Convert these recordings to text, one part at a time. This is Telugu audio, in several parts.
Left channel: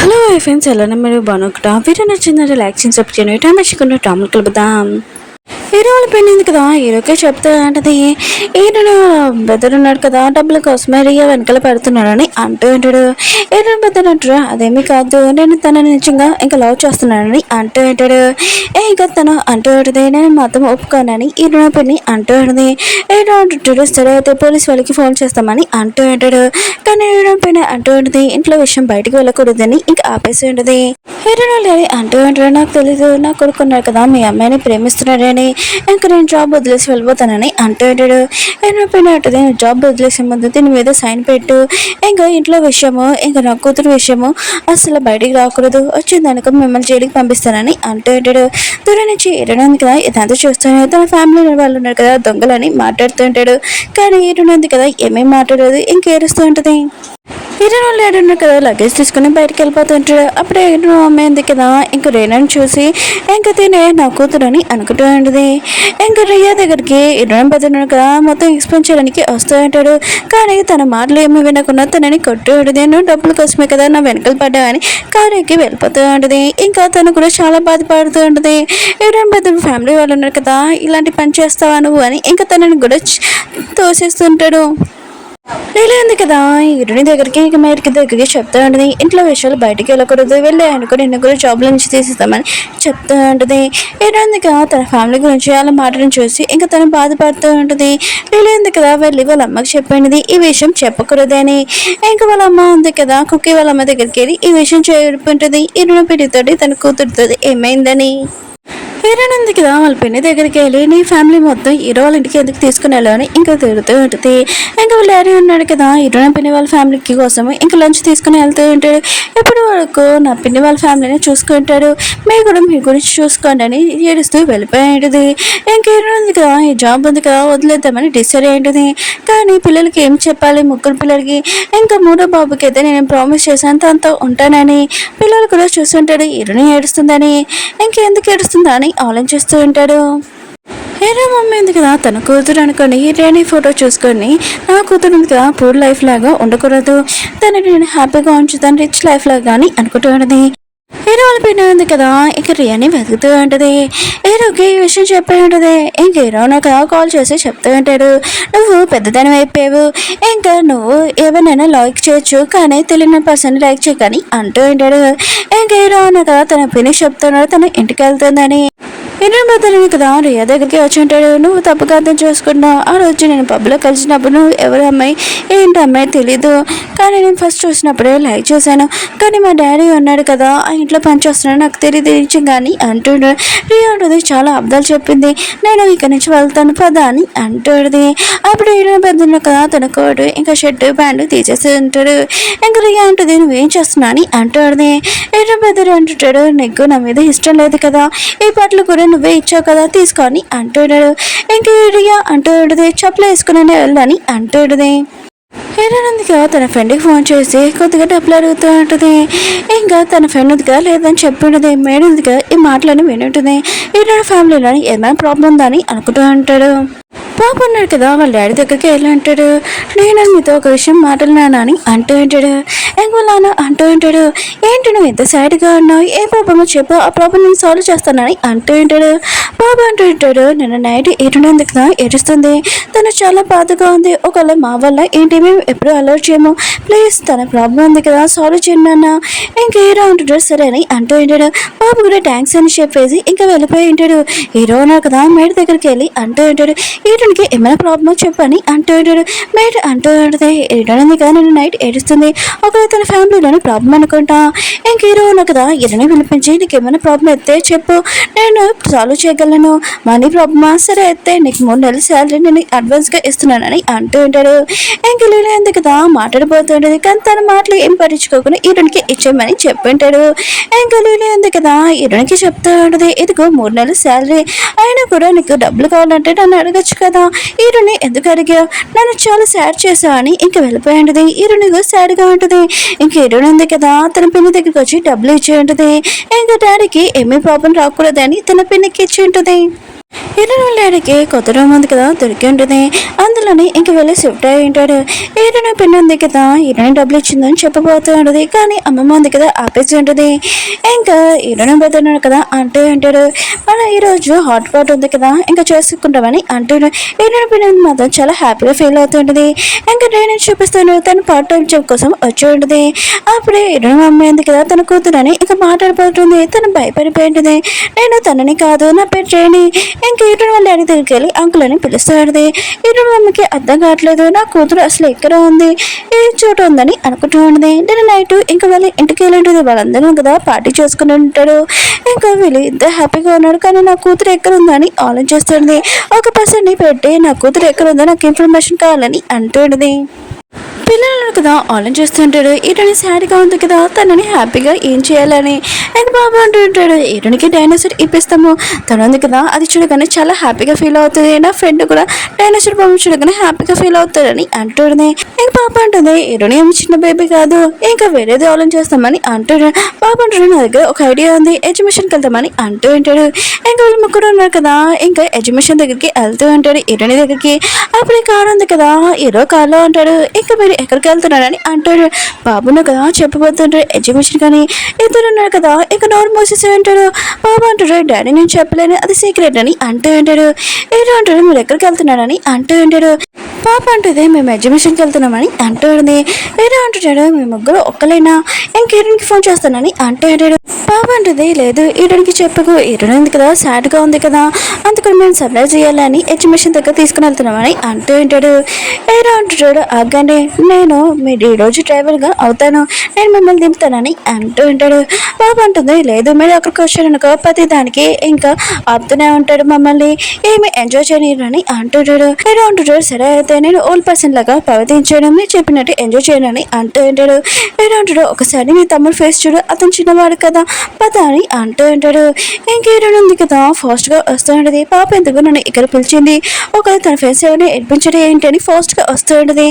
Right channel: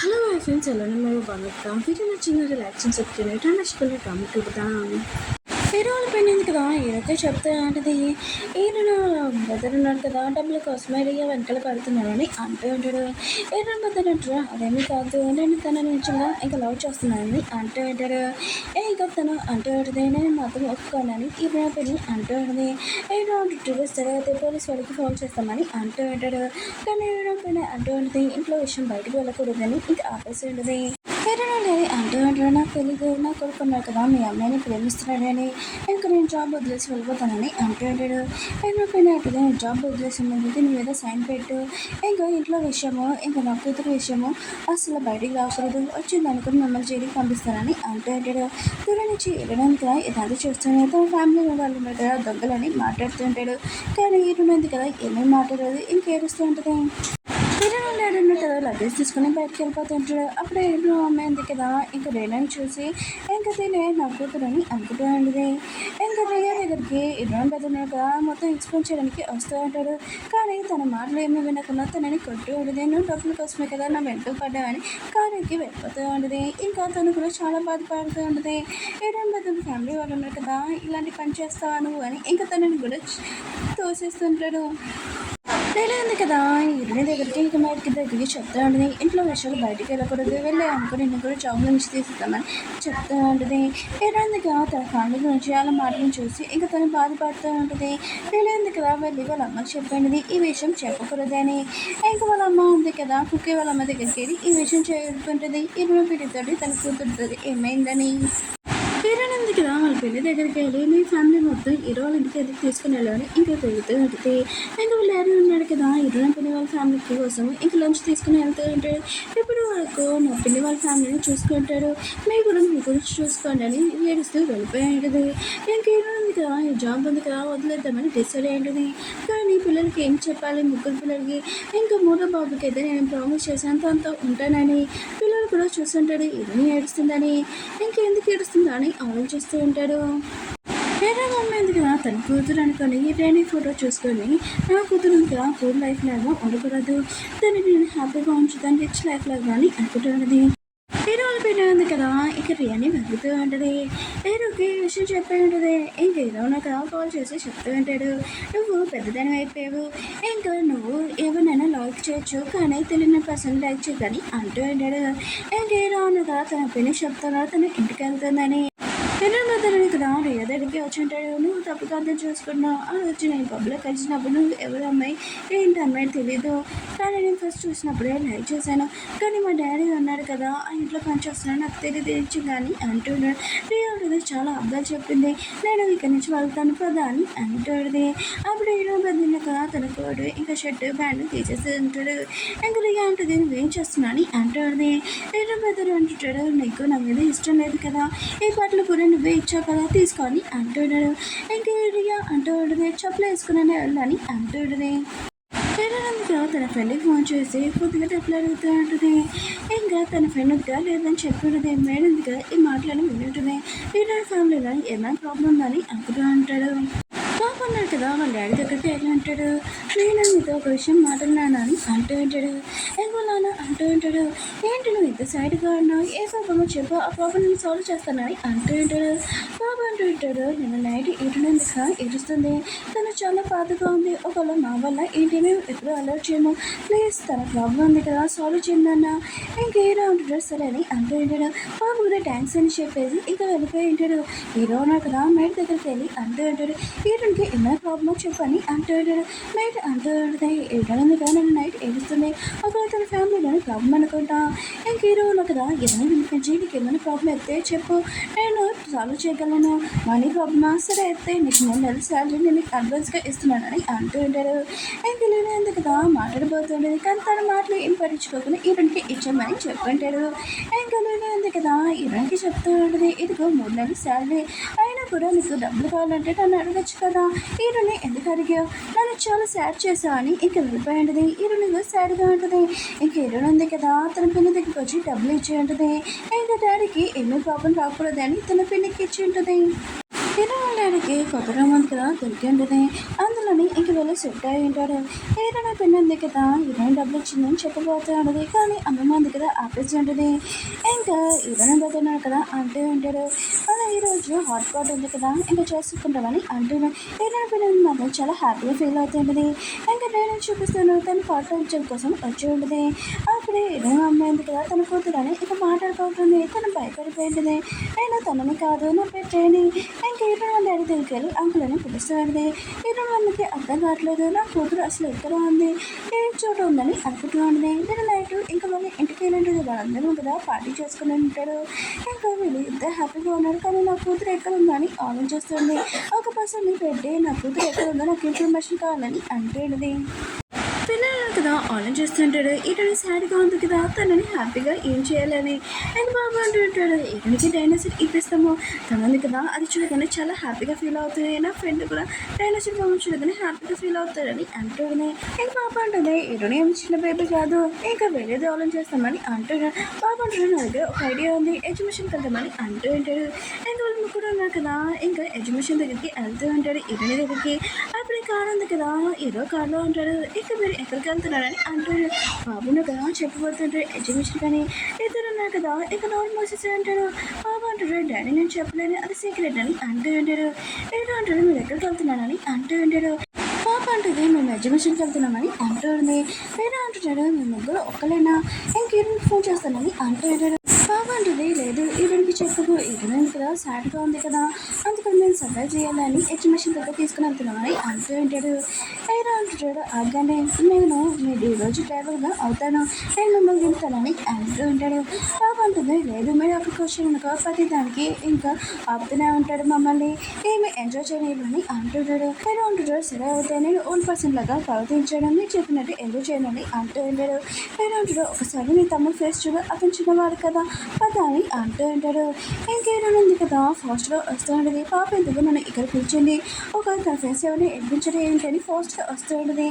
హలో ఫ్రెండ్స్ ఎలా మీరు బాగున్నా వీడియో నచ్చిందంటే లైక్ చేసి సబ్స్క్రైబ్ చేయండి టైం వచ్చి టాములు కలుపుదాం. హీరో వాళ్ళ పెళ్ళింది కదా, హీరోకే చెప్తా అంటది ఈయన బెదర్ ఉన్నాడు కదా, డబ్బుల కోసమే రియా వెనకాల పెడుతున్నాడని అంటూ ఉంటాడు. హీరో బెదర్ అంటాడు అదేమీ కాదు, నేను తనని నిజంగా ఇంకా లవ్ చేస్తున్నానని అంటూ ఉంటాడు. ఇంకా తను అంటూ ఉంటుంది నేను మాత్రం ఒప్పుకోనని హీరో పెళ్ళి అంటూ ఉంటుంది. హీరో అంటుంటాడు సరే అయితే పోలీస్ వాళ్ళకి ఫోన్ చేస్తామని అంటూ ఉంటాడు. కానీ హీరో పైన అంటూ ఉంటుంది ఇంట్లో విషయం బయటకు వెళ్ళకూడదని ఇంకా ఆపేసి ఉంటుంది. హీరో లేని అంటూ ఉంటాడు నాకు తెలీదు, నా కొడుకున్నాడు కదా మీ అమ్మాయిని ప్రేమిస్తున్నాడని, ఇంకా నేను జాబ్ వదిలేసి వెళ్ళిపోతానని అంటూ ఉంటాడు. హీరో పైన అంటుంది జాబ్ వదిలేసే ముందు దీని మీద సైన్ పెట్టు, ఇంకా ఇంట్లో విషయము ఇంకా నా కూతురు విషయము అసలు బయటికి రాకూడదు, వచ్చిందనుకో మిమ్మల్ని జైలుకి పంపిస్తానని అంటూ ఉంటాడు. దూరం నుంచి హీరోనంది కదా ఇదంతా చూస్తాను, తన ఫ్యామిలీ వాళ్ళు ఉన్నారు కదా దొంగలని మాట్లాడుతూ ఉంటాడు. కానీ హీరోనంది కదా ఏమేమి మాట్లాడదు ఇంకా ఏడుస్తూ ఉంటుంది. హీరో లేడున్న కదా లగేజ్ తీసుకుని బయటకు వెళ్ళిపోతుంటాడు. అప్పుడే హీరో అమ్మాయింది కదా ఇంకా రేనాని చూసి ఇంకా తినే నా కూతురని అనుకుంటూ ఉంటుంది. ఇంకా రియా దగ్గరికి హీరో పెద్దన్నాడు కదా మొత్తం ఎక్స్ప్లెయిన్ చేయడానికి వస్తూ ఉంటాడు. కానీ తన మాటలు ఏమి వినకుండా తనని కొట్టు ఉంటుంది. నువ్వు డబ్బుల కోసమే కదా నా వెనకలు పడ్డావని కారుకి వెళ్ళిపోతూ ఉంటుంది. ఇంకా తను కూడా చాలా బాధపడుతూ ఉంటుంది. హీరో పెద్ద ఫ్యామిలీ వాళ్ళు ఉన్నారు కదా ఇలాంటి పని చేస్తావా నువ్వు అని ఇంకా తనని కూడా తోసేస్తుంటాడు. ఉంది కదా హీరోని దగ్గరికి ఇక మేరికి దగ్గరికి చెప్తా ఉంటుంది ఇంట్లో విషయాలు బయటికి వెళ్ళకూడదు, వెళ్ళి అనుకో నిన్ను కూడా జాబ్ల నుంచి తీసిస్తామని చెప్తూ ఉంటుంది. హీరోయింది కదా తన ఫ్యామిలీ గురించి అలా మాటలను చూసి ఇంకా తను బాధపడుతూ ఉంటుంది. ఉంది కదా వెళ్ళి వాళ్ళ అమ్మకి చెప్పినది ఈ విషయం చెప్పకూడదని. ఇంకా వాళ్ళ అమ్మ ఉంది కదా కుక్కీ వాళ్ళ అమ్మ దగ్గరికి వెళ్ళి ఈ విషయం చెప్పుంటుంది హీరోని పిడితోటి తన కూతురుతో ఏమైందని. హీరోనంది కదా వాళ్ళ పెళ్లి దగ్గరికి వెళ్ళి నీ ఫ్యామిలీ మొత్తం హీరో వాళ్ళ ఇంటికి ఎందుకు తీసుకుని వెళ్ళాలని ఇంకా తిరుగుతూ ఉంటుంది. ఇంకా వాళ్ళ డాడీ ఉన్నాడు కదా హీరో నా పిన్ని వాళ్ళ ఫ్యామిలీకి కోసం ఇంకా లంచ్ తీసుకుని వెళ్తూ ఉంటాడు. ఎప్పుడు వరకు నా పిన్ని వాళ్ళ ఫ్యామిలీని చూసుకుంటాడు, మీరు కూడా మీ గురించి చూసుకోండి అని ఏడుస్తూ వెళ్ళిపోయి ఉంటుంది. ఇంకా హీరో ఉంది కదా ఈ జాబ్ ఉంది కదా వదిలేద్దామని డిసైడ్ అయి ఉంటుంది. కానీ పిల్లలకి ఏం చెప్పాలి ముగ్గురు పిల్లలకి ఇంకా మూడో బాబుకి అయితే నేను ప్రామిస్ చేశాను తనతో ఉంటానని. పిల్లలు కూడా చూస్తుంటాడు హీరోని ఏడుస్తుందని, ఇంకెందుకు ఏడుస్తుందా అని ఆలోచిస్తూ ఉంటాడు. హీరో మమ్మీ ఉంది కదా తన కూతురు అనుకోండి హీరోని ఫోటో చూసుకొని నా కూతురు ఉంది కదా పూర్ లైఫ్ లాగా ఉండకూడదు, తనని నేను హ్యాపీగా ఉంచుతాను రిచ్ లైఫ్ లాగా కానీ అనుకుంటూ ఉంటుంది. హీరో వాళ్ళ పిన్న ఉంది కదా ఇంక రియాని వెతుకుతూ ఉంటుంది. హీరోకి ఈ విషయం చెప్పి ఉంటుంది. ఇంక హీరో నాకు కాల్ చేసి చెప్తూ ఉంటాడు నువ్వు పెద్దదాని అయిపోయావు, ఇంకా నువ్వు ఎవరినైనా లైక్ చేయొచ్చు కానీ తెలియని పర్సన్ లైక్ చేయకని అంటూ ఉంటాడు. ఇంక హీరో నాకు తన పిన్ని చెప్తున్నాడు తన ఇంటికి వెళ్తుందని. హీరో బద్దలు కదా రియా దగ్గరికి వచ్చి ఉంటాడు నువ్వు తప్పుగా అర్థం చేసుకున్నావు, ఆ రోజు నేను పబ్లో కలిసినప్పుడు నువ్వు ఎవరి అమ్మాయి ఏంటి అమ్మాయి తెలీదు, కానీ నేను ఫస్ట్ చూసినప్పుడే లైక్ చేశాను, కానీ మా డాడీ ఉన్నాడు కదా ఆ ఇంట్లో పని చేస్తున్నాడు నాకు తెలియదు కానీ అంటున్నాడు. రియా ఉంటుంది చాలా అబ్దాలు చెప్పింది, నేను ఇక్కడి నుంచి వెళ్తాను పదా అని అంటుంది. అప్పుడు హీరో పెద్దలు కదా తన కోటు ఇంకా షర్ట్ ప్యాంటు తీసేసి ఉంటాడు. ఇంకా రియా అంటుంది నువ్వేం చేస్తున్నా అని అంటుంది. హీరో పెద్దలు అంటుంటాడు నీకు నా మీద ఇష్టం లేదు కదా ఈ బట్టలు కూడా నువ్వే ఇచ్చావు కదా తీసుకొని అంటున్నాడు. ఇంకా రియా అంటూ ఉంటుంది చెప్పులు వేసుకునే వెళ్ళని అంటున్నది. హీరోనందిగా తన ఫ్రెండ్కి ఫోన్ చేసి కొద్దిగా డబ్బులు అడుగుతూ ఉంటుంది. ఇంకా తన ఫ్రెండ్ ఉందిగా లేదని చెప్పి ఉంటుంది. మేడం ఉందిగా ఈ మాటలని వింటుంది. హీరో ఫ్యామిలీలో ఏమైనా ప్రాబ్లం ఉందా అని అనుకుంటూ ఉంటాడు. పాప ఉన్నాడు కదా వాళ్ళ డాడీ దగ్గరికి వెళ్ళి అంటాడు నేను మీతో ఒక విషయం మాట్లాడినాను అని అంటూ ఉంటాడు. ఎంగోలాను అంటూ ఉంటాడు ఏంటి నువ్వు ఎంత సాడ్గా ఉన్నావు, ఏ ప్రాబ్లమో చెప్పు ఆ ప్రాబ్లం నేను సాల్వ్ చేస్తానని అంటూ ఉంటాడు. బాబు అంటూ ఉంటాడు నిన్న నైట్ ఏడుంది కదా ఏడుస్తుంది, తను చాలా బాధగా ఉంది, ఒకవేళ మా వల్ల ఏంటి మేము ఎప్పుడు అలర్ట్ చేయము, ప్లీజ్ తన ప్రాబ్లం ఉంది కదా సాల్వ్ చేయండి అన్న. ఇంకా హీరో అంటుంటాడు సరే అని అంటూ ఉంటాడు. బాబు కూడా థ్యాంక్స్ అని చెప్పేసి ఇంకా వెళ్ళిపోయి ఉంటాడు. హీరో ఉన్నారు కదా మేడ దగ్గరికి వెళ్ళి అంటూ ఉంటాడు హీరోనికి ఏమైనా ప్రాబ్లమో చెప్పని అంటూ ఉంటాడు. మేడ అంటూ ఉంటుంది హీరోని కదా నేను నైట్ ఏడుస్తుంది, ఒకవేళ తన ఫ్యామిలీలోని ప్రాబ్లం అనుకుంటా. ఇంక హీరో ఉన్నా కదా హీరోని వినిపించి నీకు ఏమైనా ప్రాబ్లం అయితే చెప్పు నేను సాల్వ్ చేయగలను, మనీ ప్రాబ్లమా సరే అయితే నీకు 3 నెలల శాలరీ నేను అడ్వాన్స్గా ఇస్తున్నానని అంటూ ఉంటాడు. ఇంక లీలా ఉంది కదా మాట్లాడిపోతుంటుంది కానీ తన మాటలు ఏం పట్టించుకోకుండా హీరోనికి ఇచ్చేయమని చెప్పింటాడు. ఇంకా లీలా ఉంది కదా హీరోనికి చెప్తూ ఉంటుంది ఇదిగో 3 నెలల శాలరీ అయినా కూడా నీకు డబ్బులు కావాలంటే నన్ను అడగచ్చు కదా, హీరోని ఎందుకు అడిగా నన్ను చాలా సాడ్ చేసా అని ఇంకా వెళ్ళిపోయి ఉంటుంది. హీరోని సాడ్గా ఉంటుంది. ఇంక హీరోని ఉంది కదా తన పిన్ని దగ్గరికి వచ్చి డబ్బులు ఇచ్చి ఉంటుంది. ఇంకా డాడీకి ఏమీ ప్రాబ్లం రాకూడదని తన పిన్నికి ఇచ్చి ఉంటుంది. హీరోయిన్ వాళ్ళ డాడీకి కొత్త రూమ్ ఉంది కదా దొరికి ఉంటుంది. అందులోని ఇంక వెళ్ళి షిఫ్ట్ అయి ఉంటాడు. హీరోయిన్ పెన్ ఉంది కదా హీరోయిన్ డబ్బులు ఇచ్చిందని చెప్పబోతూ ఉంటుంది. కానీ అమ్మమ్మ ఉంది కదా ఆపేసి ఉంటుంది. ఇంకా హీరోయిన్ పెడుతున్నాడు కదా అంటూ ఉంటాడు. మన ఈరోజు హాట్ పాట్ ఉంది కదా ఇంకా చేసుకుంటామని అంటాడు. హీరోయిన్ పెన్ మాత్రం చాలా హ్యాపీగా ఫీల్ అవుతుంటుంది. ఇంకా నేను చూపిస్తాను తను పార్ట్ టైం జాబ్ కోసం వచ్చి ఉంటుంది. అప్పుడే హీరోయిన్ అమ్మాయి ఉంది కదా తన కూతురని ఇంకా మాట్లాడిపోతుంది. తను భయపడిపోయింటుంది. నేను తనని కాదు నా పేరు చేయండి. ఇంకా హీరోయిన్ వాళ్ళ డాడీ దగ్గరికి వెళ్ళి అంకుల్ అని పిలుస్తాడు. హీరోయిన్ అమ్మకి అర్థం కావట్లేదు నా కూతురు అసలు ఎక్కడ ఉంది ఏ చోట ఉందని అనుకుంటూ ఉంటుంది. నేను నైట్ ఇంకా వెళ్ళి ఇంటికి వెళ్ళి ఉంటుంది. వాళ్ళందరూ కదా పార్టీ చేసుకుని ఉంటాడు. ఇంకా వీళ్ళు ఇద్దరు హ్యాపీగా ఉన్నాడు. కానీ నా కూతురు ఎక్కడ ఉందని ఆలోచిస్తుంది. ఒక పర్సన్ని పెట్టి నా కూతురు ఎక్కడ ఉందో నాకు ఇన్ఫర్మేషన్ కావాలని అంటుంది. పిల్లలను కదా ఆలోచన చేస్తుంటాడు. ఈటని సాడ్గా ఉంది కదా తనని హ్యాపీగా ఏం చేయాలని ఇంకా బాబు అంటూ ఉంటాడు. ఈటనికి డైనోసార్ ఇప్పిస్తాము తను ఉంది కదా అది చూడగానే చాలా హ్యాపీగా ఫీల్ అవుతుంది. నా ఫ్రెండ్ కూడా డైనోసార్ బాబు చూడగానే హ్యాపీగా ఫీల్ అవుతాడని అంటుంది. ఇంకా పాప అంటుంది ఈటని ఏమి చిన్న బేబీ కాదు ఇంకా వేరేది ఆలోచన చేస్తామని అంటాడు. బాబు అంటాడు నా దగ్గర ఒక ఐడియా ఉంది ఎడ్యుకేషన్కి వెళ్తామని అంటూ ఉంటాడు. ఇంకా వీళ్ళు ముగ్గురు ఉన్నారు కదా ఇంకా ఎడ్యుకేషన్ దగ్గరికి వెళ్తూ ఉంటాడు ఈటని దగ్గరికి. అప్పుడే కారు ఉంది కదా హీరో కార్లో ఉంటాడు. ఇంకా మీరు ఎక్కడికి వెళ్తున్నారని అంటాడు. బాబును కదా చెప్పబోతుంటాడు ఎడ్యుకేషన్ కానీ ఇద్దరు ఉన్నారు కదా ఇక నోరు మూసేసి ఉంటాడు. బాబు అంటాడు డాడీ నేను చెప్పలేను అది సీక్రెట్ అని అంటూ ఉంటాడు. ఏదో అంటాడు మీరు ఎక్కడికి వెళ్తున్నారని అంటూ ఉంటాడు. పాప అంటుంది మేము ఎగ్జిబిషన్కి వెళ్తున్నామని అంటుంది. వేరే అంటున్నాడు మేము ముగ్గురు ఒక్కలేనా ఇంకేడానికి ఫోన్ చేస్తానని అంటాడు. పాప అంటుంది లేదు ఈడనికి చెప్పకు ఈడని ఉంది కదా సాడ్గా ఉంది కదా అందుకని మేము సర్ప్రైజ్ చేయాలని ఎగ్జిబిషన్ దగ్గర తీసుకుని వెళ్తున్నామని అంటూ ఉంటాడు. వేరే అంటున్నాడు ఆగండి నేను మీరు ఈరోజు డ్రైవర్గా అవుతాను నేను మిమ్మల్ని దింపుతానని అంటూ ఉంటాడు. పాప అంటుంది లేదు మీరు అక్కడికి వచ్చారనుకో ప్రతి దానికి ఇంకా ఆపుతూనే ఉంటాడు మమ్మల్ని ఏమి ఎంజాయ్ చేయని అంటుంటాడు. వేరే అంటున్నాడు సరే అయితే నేను ఓల్డ్ పర్సన్ లాగా ప్రవర్తించాను మీరు చెప్పినట్టు ఎంజాయ్ చేయనని అంటూ ఉంటాడు. వేరే అంటాడు ఒకసారి మీ తమ్ముడు ఫేస్ చూడు అతను చిన్నవాడు కదా పద అని అంటూ ఉంటాడు. ఇంకేదో ఉంది కదా ఫాస్ట్గా వస్తూ ఉంటుంది. పాప ఎందుకు నన్ను ఇక్కడ పిలిచింది ఒకవేళ తన ఫేస్ ఎవరిని ఎడ్పించడం ఏంటి అని ఫాస్ట్గా వస్తూ ఉంటుంది.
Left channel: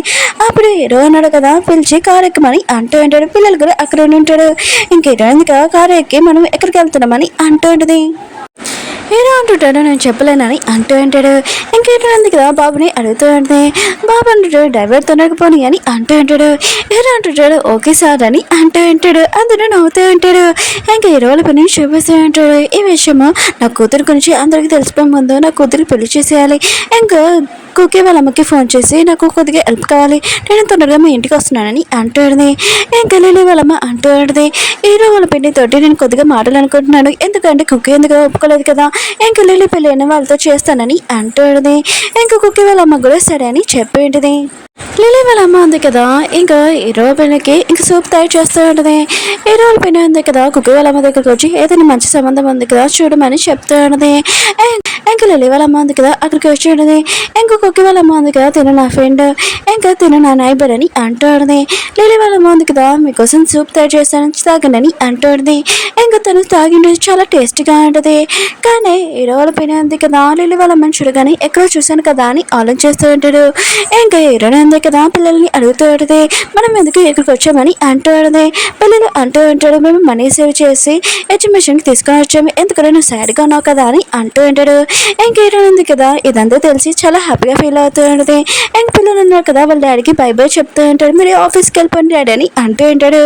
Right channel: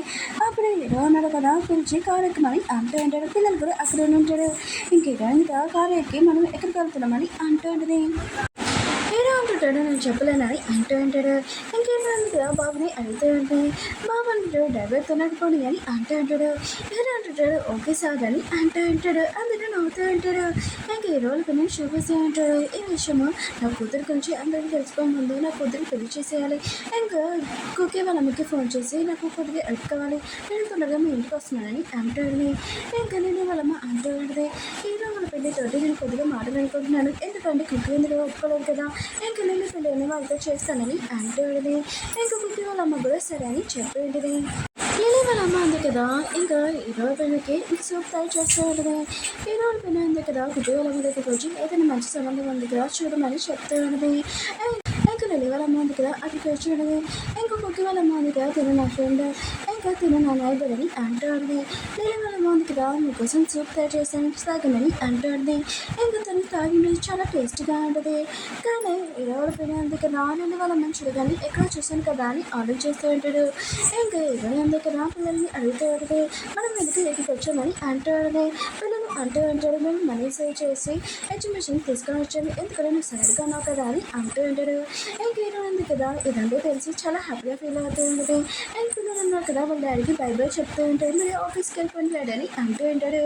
అప్పుడు హీరో అన్నాడు కదా పిలిచి కారు ఎక్కమని అంటూ ఉంటాడు. పిల్లలు కూడా అక్కడ ఉంటాడు. ఇంకేదో ఉంది కదా కారు ఎక్కి మనం ఎక్కడికి వెళ్తున్నామని అంటూ ఉంటుంది. హీరో అంటుంటాడు నేను చెప్పలేనని అంటూ ఉంటాడు. ఇంకేంటో ఉంది కదా బాబుని అడుగుతూ ఉంటుంది. బాబు అంటుంటాడు డ్రైవర్ తొనకపోని అని అంటూ ఉంటాడు. హీరో అంటుంటాడు ఓకే సార్ అని అంటూ ఉంటాడు. అందరూ నవ్వుతూ ఉంటాడు. ఇంకా హీరోల పని చూపిస్తూ ఉంటాడు. ఈ విషయము నా కూతురు గురించి అందరికీ తెలిసిపోయే ముందు నా కూతురికి పెళ్లి చేసేయాలి. ఇంకా కుక్కీ వాళ్ళ అమ్మకి ఫోన్ చేసి నాకు కొద్దిగా హెల్ప్ కావాలి నేను తొందరగా మీ ఇంటికి వస్తున్నానని అంటుంది. ఇంకా లిల్లీ వాళ్ళమ్మ అంటుంది హీరో వాళ్ళ పెళ్లితోటి నేను కొద్దిగా మాటలు అనుకుంటున్నాను ఎందుకంటే కుక్కీ ఎందుకు ఒప్పుకోలేదు కదా ఇంకా లిల్లీ పెళ్ళి అయిన వాళ్ళతో చేస్తానని అంటుంది. ఇంకా కుక్కీ వాళ్ళ అమ్మ కూడా సరే అని చెప్పేంటిది. లిల్లీ వాళ్ళ అమ్మ ఉంది కదా ఇంకా హీరో పెళ్ళికి ఇంకా సూప్ తయారు చేస్తూ ఉంటుంది. హీరో వాళ్ళ పెళ్ళి ఉంది కదా కుక్కీ వాళ్ళ అమ్మ దగ్గరకు వచ్చి ఏదైనా మంచి సంబంధం ఉంది కదా చూడమని చెప్తూ ఉంటుంది. ఇంకా లిల్లీ వాళ్ళ అమ్మ ఉంది కదా అక్కడికి వచ్చి ఉంటుంది. ఇంకా కుక్కీ వాళ్ళ అమ్మ ఉంది కదా తిన నా ఫ్రెండ్ ఇంకా తిన నా నైబర్ అని అంటుంది. లిల్లీ వాళ్ళ అమ్మ ఉంది కదా మీకోసం సూప్ తయారు చేస్తాను తాగండి అని అంటుంది. ఇంకా తను తాగిండి చాలా టేస్టీగా ఉంటుంది. కానీ హీరో వాళ్ళ పెళ్ళి ఉంది కదా లిల్లీ వాళ్ళ అమ్మని చూడగానే ఎక్కడో చూశాను కదా అని ఆలోచిస్తూ ఉంటాడు. ఇంకా హీరోనే ఉంది కదా పిల్లల్ని అడుగుతూ ఉంటుంది మనం ఎందుకు ఇక్కడికి వచ్చామని అంటూ ఉంటుంది. పిల్లలు అంటూ ఉంటాడు మేము మనీ సేవ్ చేసి ఎడ్యుకేషన్కి తీసుకొని వచ్చాము ఎందుకంటే నువ్వు సాడ్గా ఉన్నావు కదా అని అంటూ ఉంటాడు. ఇంక హీరో ఉంది కదా ఇదంతా తెలిసి చాలా హ్యాపీగా ఫీల్ అవుతూ ఉంటుంది. ఇంక పిల్లలు ఉన్నారు కదా వాళ్ళ డాడీకి బై బై చెప్తూ ఉంటాడు మీరు ఆఫీస్కి వెళ్ళిపోండి డాడీ అని అంటూ ఉంటాడు.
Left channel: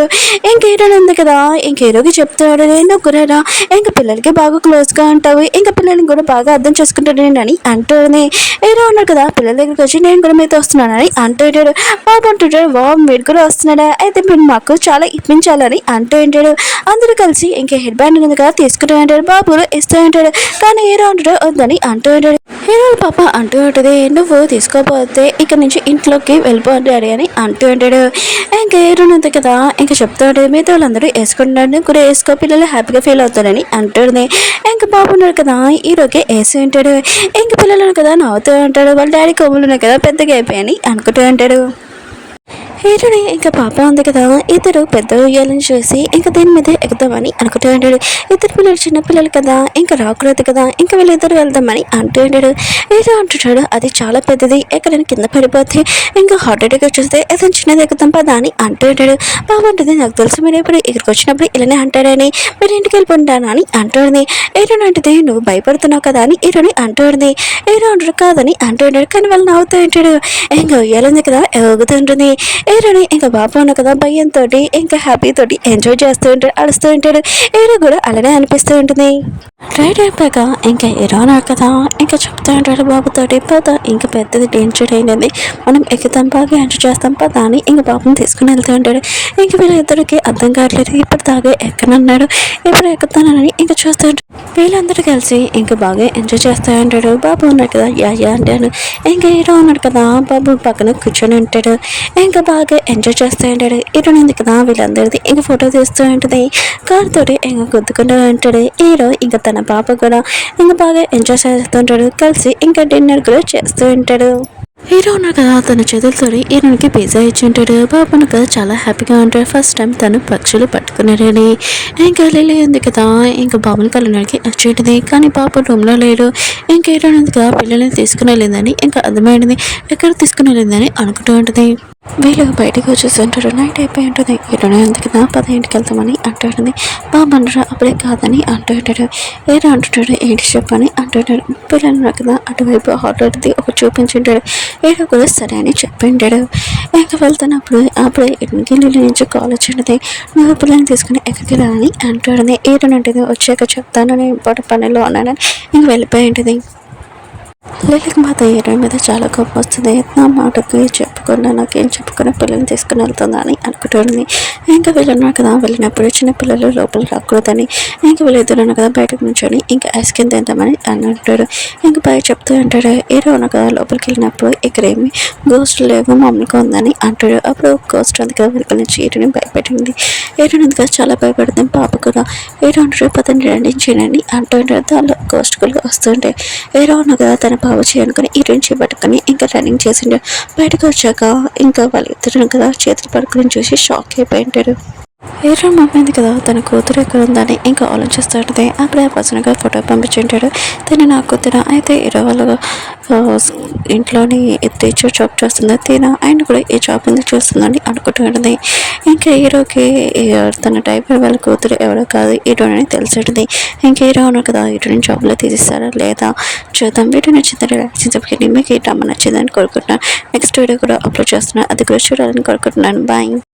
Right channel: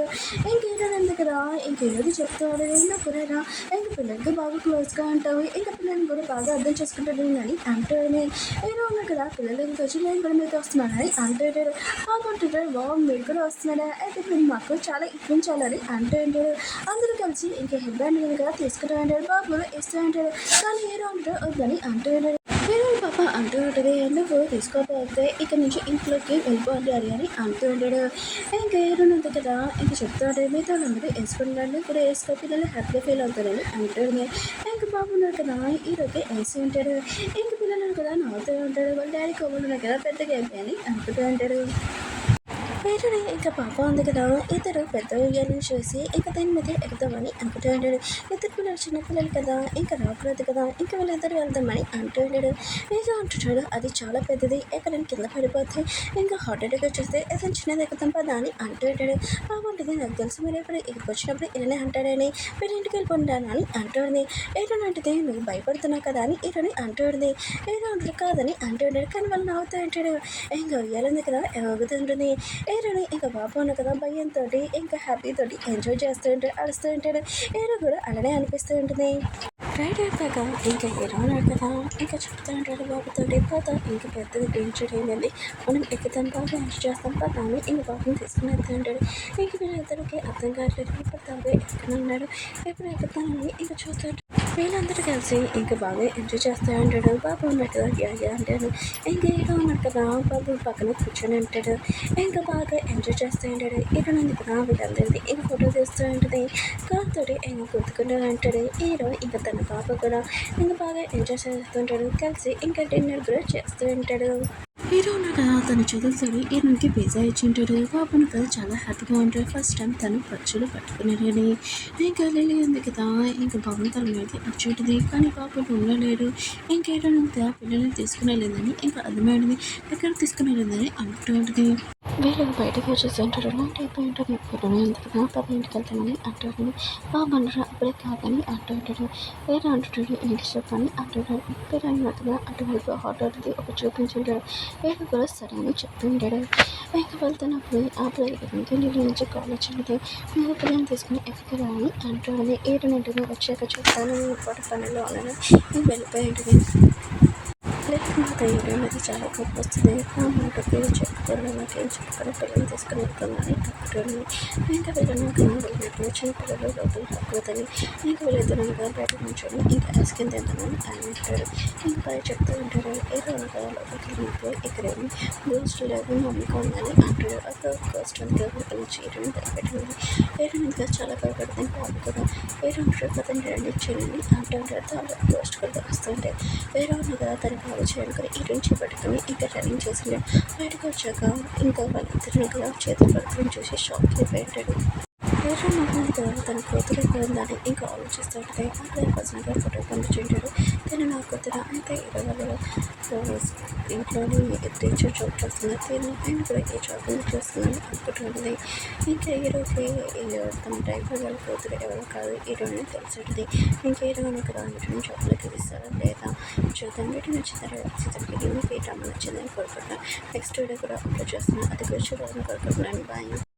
ఇంక హీరో ఉంది కదా ఇంక హీరోకి చెప్తాడు నువ్వు కూడా ఇంక పిల్లలకి బాగా క్లోజ్గా ఉంటావు ఇంకా పిల్లల్ని కూడా బాగా అర్థం చేసుకుంటాడు అని అంటుంది. హీరో ఉన్నాడు కదా పిల్లల దగ్గరికి వచ్చి నేను కూడా మీతో వస్తున్నానని అంటుంటాడు. బాబు అంటుంటాడు మీరు కూడా వస్తున్నాడా అయితే మీరు మాకు చాలా ఇప్పించాలని అంటూ ఉంటాడు. అందరూ కలిసి ఇంకా హెడ్ బ్యాండ్ ఉంది కదా తీసుకుంటూ ఉంటాడు. బాబు ఇస్తూ ఉంటాడు. కానీ హీరో అంటాడు వద్దని అంటూ ఉంటాడు. హీరో పాప అంటూ ఉంటుంది నువ్వు తీసుకోకపోతే ఇక్కడ నుంచి ఇంట్లోకి వెళ్ళిపోతాడు అని అంటూ ఉంటాడు. ఇంకా హీరో ఉంది కదా ఇంకా చెప్తూ ఉంటాడు మీతో వాళ్ళందరూ వేసుకుంటాడు కూడా వేసుకో పిల్లలు హ్యాపీగా ఫీల్ అవుతారని అంటుంది. ఇంకా బాబు ఉన్నాడు కదా హీరోకి వేసి ఉంటాడు. ఇంక పిల్లలు కదా నవ్వుతూ ఉంటాడు వాళ్ళ డాడీ కొమ్ములు ఉన్నాయి కదా పెద్దగా అయిపోయాయని అనుకుంటూ ఉంటాడు. హీరోని ఇంకా పాప ఉంది కదా, ఇద్దరు పెద్ద ఉయ్యాలని చూసి ఇంకా దీని మీద ఎక్కుదామని అనుకుంటూ ఉంటాడు. ఇద్దరు పిల్లలు చిన్న పిల్లలు కదా, ఇంకా రాకూడదు కదా, ఇంకా వీళ్ళిద్దరు వెళ్దామని అంటూ ఉంటాడు. ఏదో అంటుంటాడు, అది చాలా పెద్దది, ఎక్కడైనా కింద పడిపోతే ఇంకా హార్ట్ అటాక్ వచ్చేస్తే ఏదైనా చిన్నది ఎక్కుదాం పదా అని అంటూ ఉంటాడు. బాబు ఉంటుంది, నాకు తెలుసు మీరు ఎప్పుడు ఇక్కడికి వచ్చినప్పుడు ఇలానే అంటాడని, మీరు ఇంటికి వెళ్ళిపోంటాను అని అంటుంది. ఏరోని అంటుంది, నువ్వు భయపడుతున్నావు కదా అని ఈరోని అంటుంది. ఏరో అంటాడు కాదని అంటూ ఉంటాడు, కానీ వాళ్ళు నవ్వుతూ ఉంటాడు. ఇంకా ఉయ్యాలుంది కదా, ఊగుతుంటుంది. ఏరోని ఇంకా బాబు ఉన్న కదా భయంతో ఇంకా హ్యాపీ తోటి ఎంజాయ్ చేస్తూ ఉంటాడు, అడుస్తూ ఉంటాడు. ఏరో కూడా అలానే అనిపిస్తూ ఉంటుంది. రైడ్ అయిపోయాక ఇంకా ఏరో అన్నాడు కదా, ఇంకా చెప్తూ ఉంటాడు బాబుతోటి, పద ఇంకా పెద్దది డేంజర్ అయినది, మనం ఎక్కుతాం బాగా ఎంజాయ్ చేస్తాం పదా అని ఇంకా బాబుని తీసుకుని వెళ్తూ ఉంటాడు. ఇంక వీళ్ళిద్దరికి అర్థం కావట్లేదు, ఇప్పుడు దాకా ఎక్కనన్నాడు, ఇప్పుడు ఎక్కుతానని ఇంకా చూస్తూ ఉంటాడు. వీళ్ళందరూ కలిసి ఇంకా బాగా ఎంజాయ్ చేస్తూ ఉంటాడు. బాబు ఉన్నాడు కదా, యా అంటాడు. ఇంకా హీరో ఉన్నాడు కదా, బాబు పక్కన కూర్చొని ఉంటాడు. ఇంకా బాగా ఎంజాయ్ చేస్తూ ఉంటాడు. హీరో ఉంది కదా, వీళ్ళందరిది ఇంకా ఫోటో తీస్తూ ఉంటుంది. కార్ తోటి ఇంకా గుద్దుకుంటూ ఉంటాడు. హీరో ఇంకా తన పాప కూడా ఇంకా బాగా ఎంజాయ్ చేస్తుంటాడు. కలిసి ఇంకా డిన్నర్ కూడా చేస్తూ ఉంటాడు. హీరో ఉన్నాడు కదా, తన చేతులతో హీరోనికి పిజ్జా ఇచ్చి ఉంటాడు. బాబును కదా చాలా హ్యాపీగా ఉంటాడు. ఫస్ట్ టైం తను పక్షులు పట్టుకున్నాడని. ఇంకా లిల్లీ ఉంది కదా, ఇంకా బాబుని కలవడానికి వచ్చేటిది, కానీ బాబు రూమ్లో లేడు. ఇంకా హీరో ఉంది కదా, పిల్లల్ని తీసుకుని వెళ్ళిందని ఇంకా అర్థమైంది, ఎక్కడ తీసుకుని వెళ్ళిందని అనుకుంటూ ఉంటుంది. వీళ్ళు బయటకు వచ్చేస్తుంటారు. నైట్ అయిపోయి ఉంటుంది. హీరోనే ఉంది కదా, 10 వెళ్తామని అంటుంటుంది. బాబు అంటారు అప్పుడే కాదని అంటూ ఉంటాడు. ఏదో అంటుంటాడు, ఏంటి చెప్పని అంటుంటాడు. పిల్లలు ఉన్నారు కదా, అటువైపు హాటల్ది ఒక చూపించుంటాడు. ఏదో కూడా సరే అని చెప్పింటాడు. ఇంకా వెళ్తున్నప్పుడు అప్పుడే ఇంటికి నుంచి కాల్ వచ్చింది, నువ్వు పిల్లల్ని తీసుకుని ఎక్కడికి రా అని అంటుంది. ఏదోనంటుంది, వచ్చాక చెప్తాను, నేను ఇంపార్టెంట్ పనిలో ఉన్నానని ఇంక వెళ్ళిపోయి ఉంటుంది. లిల్లీకి మాత్రం హీరోయిన్ మీద చాలా కోపం వస్తుంది. నా మాటకి చెప్పకుండా నాకేం చెప్పకుండా పిల్లల్ని తీసుకుని వెళ్తుందా అని అనుకుంటుంది. ఇంకా వీళ్ళున్నారు కదా, వెళ్ళినప్పుడు చిన్న పిల్లలు లోపల రాకూడదని ఇంకా వీళ్ళిద్దరు కదా బయటకు నుంచొని ఇంకా ఐస్ క్రీమ్ తింటామని అని అంటాడు. ఇంకా బయట చెప్తూ ఉంటాడు. హీరో ఉన్న కదా లోపలికి వెళ్ళినప్పుడు ఇక్కడ ఏమి గోస్ట్ లేవు మామూలుగా ఉందని అంటాడు. అప్పుడు గోస్ట్ ఉంది కదా వెనుక నుంచి హీరోని భయపెట్టింది. హీరోయిన్ ఉంది కదా చాలా భయపడుతుంది. పాప కూడా హీరో అంటాడు, పదండి రండి చేయనండి అంటుంటాడు. దానిలో గోస్ట్ కూడా వస్తుంటాయి. హీరో ఉన్న కదా తన బాబు చేయనుకొని హీరోయిన్ చేపట్టుకొని ఇంకా రన్నింగ్ చేసిండు. బయటకు వచ్చాక ఇంకా వాళ్ళిద్దరు కదా చేతులు పడుకుని చూసి షాక్ అయిపోయి ఉంటాడు. హీరో మమ్మీ కదా, తన కూతురు ఎక్కడ ఉందని ఇంకా ఆలోచిస్తుంటుంది. అప్పుడే పర్సనల్గా ఫోటో పంపించుంటాడు. తిన నా కూతురు అయితే హీరో వాళ్ళ ఇంట్లోని టీచర్ జాబ్ చేస్తుంది. తిన ఆయన కూడా ఈ జాబ్ ఎందుకు చూస్తుందని అనుకుంటుంటుంది. ఇంకా హీరోకి తన డ్రైవర్ వాళ్ళ కూతురు ఎవరో కాదు హీరోని తెలిసింటుంది. ఇంకా హీరో ఉన్నారు కదా, హీరోని జాబ్లో తీసిస్తారా లేదా చూద్దాం. వీడియో నచ్చిందని రియాక్షన్ చెప్పి మీకు ఈ డ్రామా నచ్చిందని కోరుకుంటున్నాను. నెక్స్ట్ వీడియో కూడా అప్లోడ్ చేస్తున్నాను, అది కూడా చూడాలని కోరుకుంటున్నాను. బాయ్.